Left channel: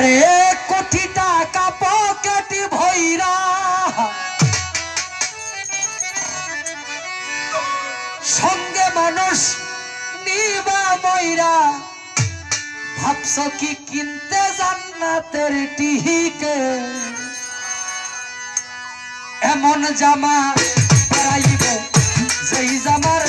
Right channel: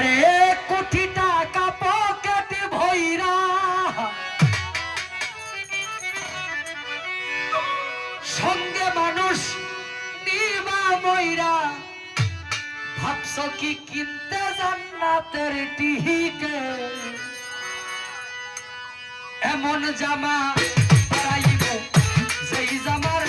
আরে কোটি টাকা পকেটে ভৈরা। সঙ্গে মানুষ নিবা ময়রা। ভাবছ কি কিনতে জান্নাতের টিহিকে এমন জামা পরাইব, যেই জামার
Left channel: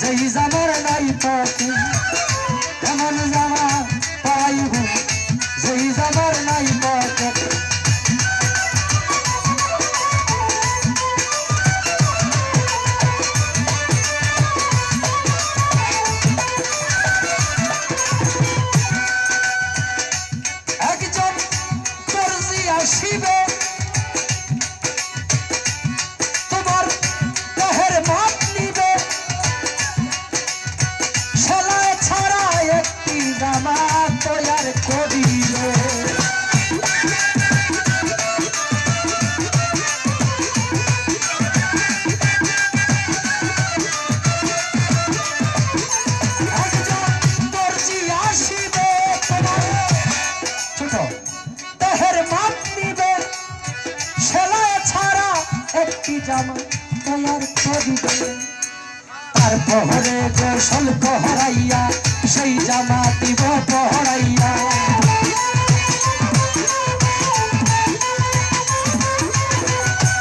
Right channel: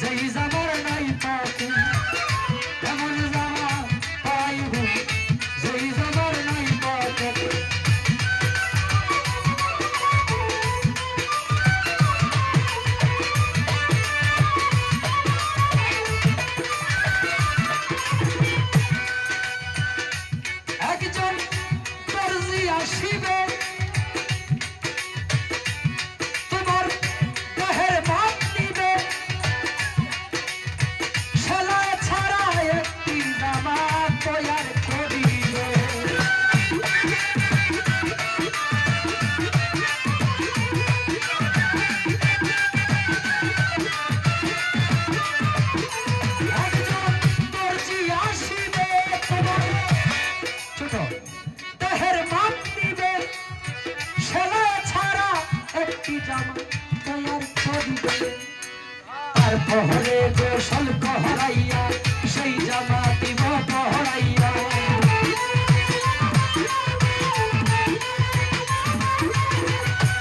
যেই জামার তার পহরে কৌশল পহরাইয়া সেই জামা দিব পহরাইয়া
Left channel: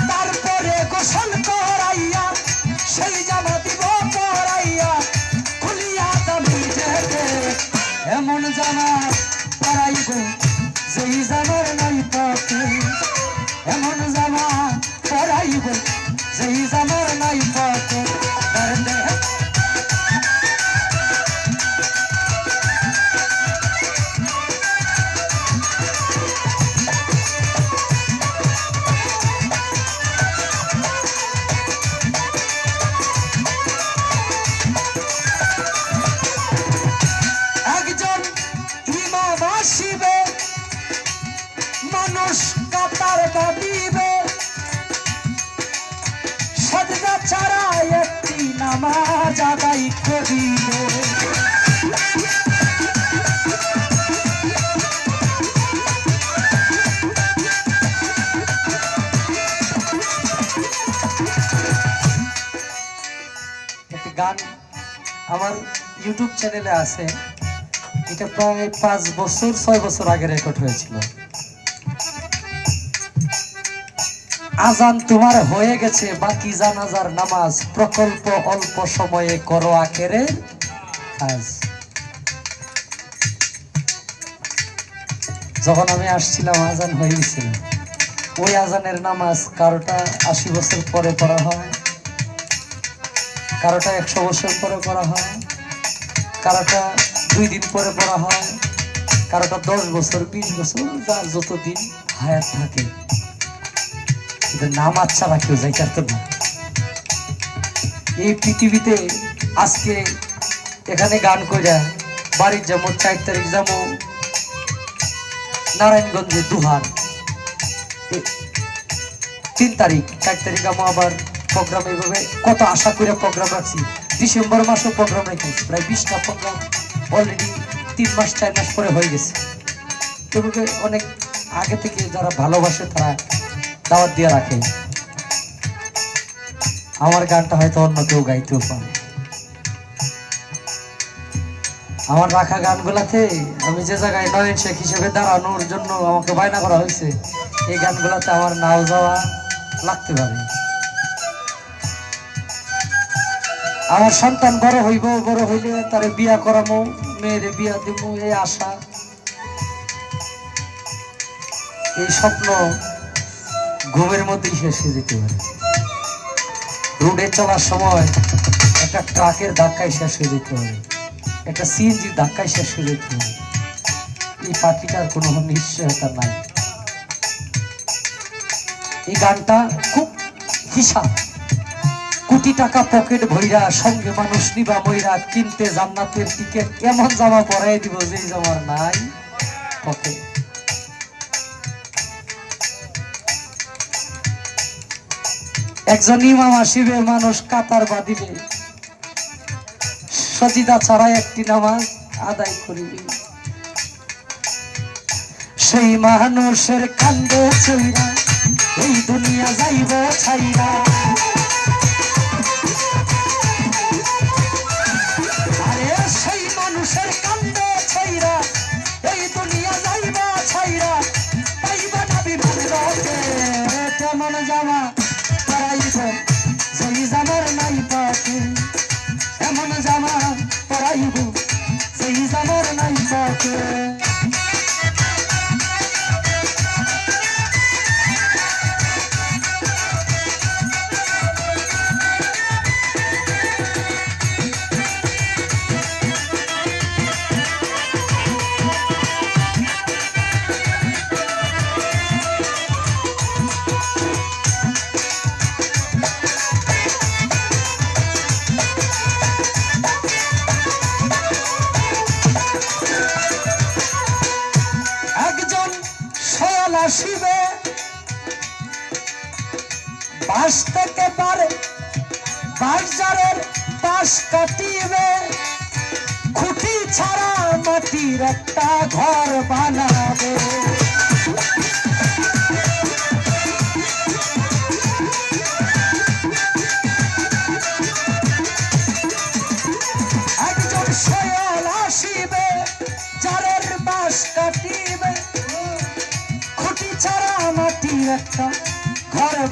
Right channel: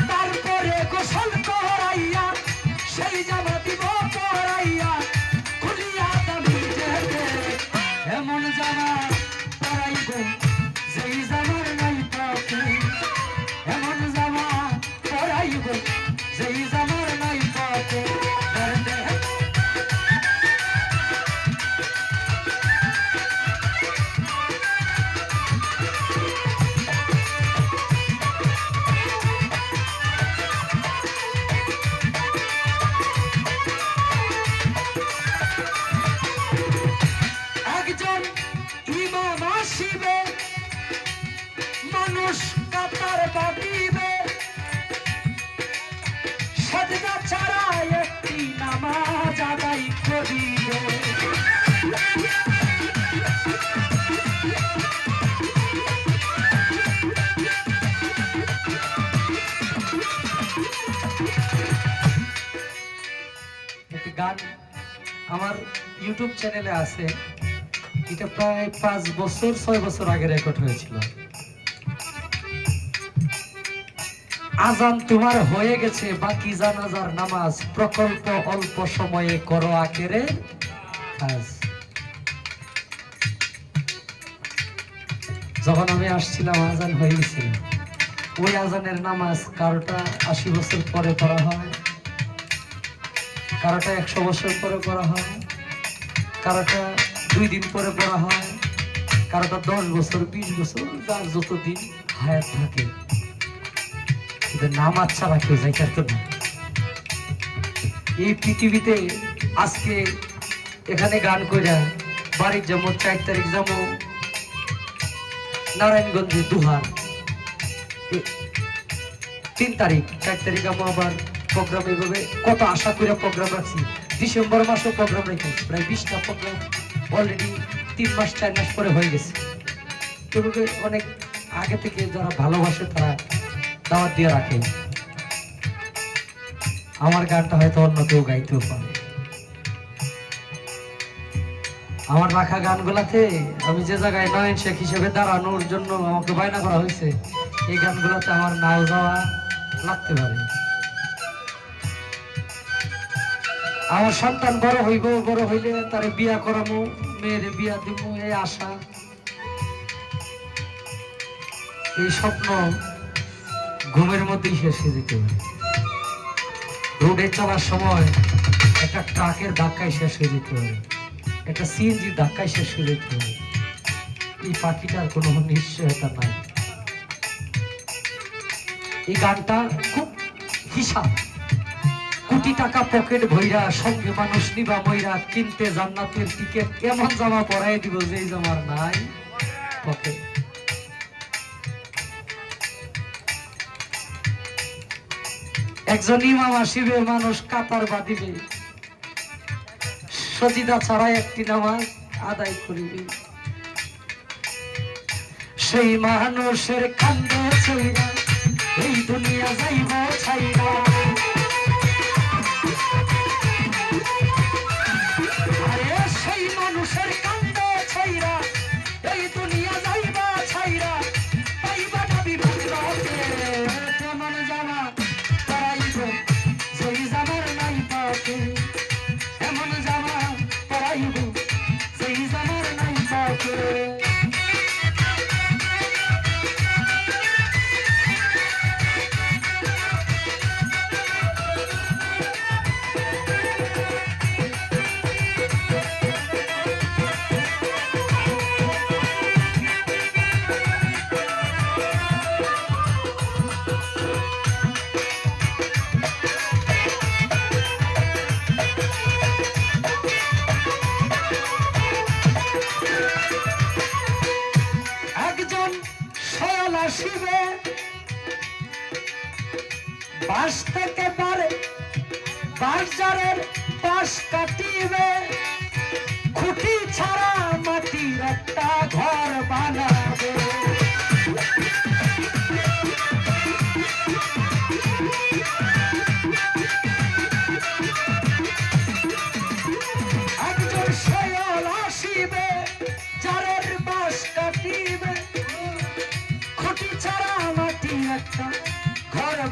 তারপরে কৌশল পহরাইয়া সেই জামা দিব বাঁধিবে সদগা ছাড়া একটি নামাজ আদায় গান আমার ইউটিউব চ্যানেলে আছে। এটা প্রায় পাঁচ বছর, ছয় বছর আগে রেকর্ড হয়েছিল। আজান তোমার হয়ে গেছে, বাকি জানাজার নামাজ। প্রকল্প অল্প সময়ে করো আকেরে যখন আমি আসছিলাম, আজান হয়ে ওই আজানের নামাজ কারোটা আশি বছর পরে করা হয়, কারোটা একশো বছর পরে করা হয়, কারোটা দুই দিন পরে করা হয়, কারোটা দশ বছর, বিশ বছর যার যতদিন হায়াত থাকে। কিন্তু নামাজ ছাড়া কেউ যাইতে না। এই পৃথিবীতে আজকে এখানে গান কইরা বাড়ির যেমন চার তারিখ নারায়ণগঞ্জে দুহার। তিন তারিখ, চার তারিখ আমি আবার প্রোগ্রাম এইভাবে কত আশা করে প্রোগ্রাম রাখছি। ডিসেম্বর মাসে প্রোগ্রাম রেখেছি, প্রায় বিশটা প্রোগ্রাম অলরেডি তিন মাস, চার মাস পরে হয়ে গেছে। তবে অনেক আগে থেকে যারা ভালোবাসে তারা দাওয়াত দিয়ে রাখে আমার গানটা হয়তো অন্য কেউ গাইতেও পারে। আমার রাখা গানগুলাতে আমি যে জায়গায় নয়ন শেখ হিসেবে দাঁড়ানোর জন্য আমাকে বায়না করা হয়েছে, এই গানগুলাতে আমার নাও যাওয়া লাগতে পারে। আমার সন্তান বড় হইব, বড় হইলে তারে বিয়া করামো, মেয়েরে বিয়া দিব এই আশা, এই স্বপ্ন ঘুমের মধ্যেই শেষ হয়ে যেতে পারে। রোডে চলার সময় একটা ট্রাকের ধাক্কায় শেষ হয়ে যেতে হবে একটা সিএনজি ধাক্কায় শেষ হয়ে যেতে হবে এই পাখিটার কোনো নিশ্চয়তা নাই। এই গানটা খুব হিসাব। কোটি টাকা পকেট ভইরা, সঙ্গে মানুষ নিবা মইরা কিনতে জান্নাতের টিকেট এমন জামা পরাই দিব যে জামার নাই পকেট। একজন ইমাম আসিবে মানুষ, কাতার বাঁধিবে সজিদা ছাড়া একটি নামাজ আদায় করিবে। সেই মানুষের কান্দে চইরা এই দুনিয়া যাইব ছাইরা। বাস থেকে তার বাজারের পাশ কাটিবে। খুঁটি ছাড়া মাটির একটা ঘর বানাবে।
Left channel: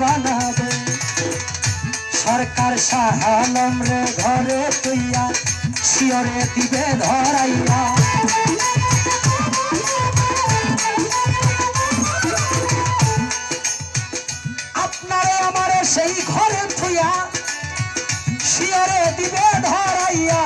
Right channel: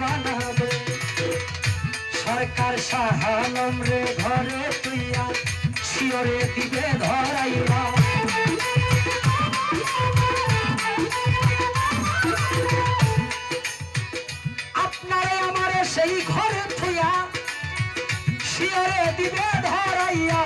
বানাবে। সরকার সাহালম রে ঘরে তুইয়া, শিয়রে দিবে ধরাইয়া। আপনারে আমারে সেই ঘরে থুইয়া, শিয়রে দিবে ধরাইয়া।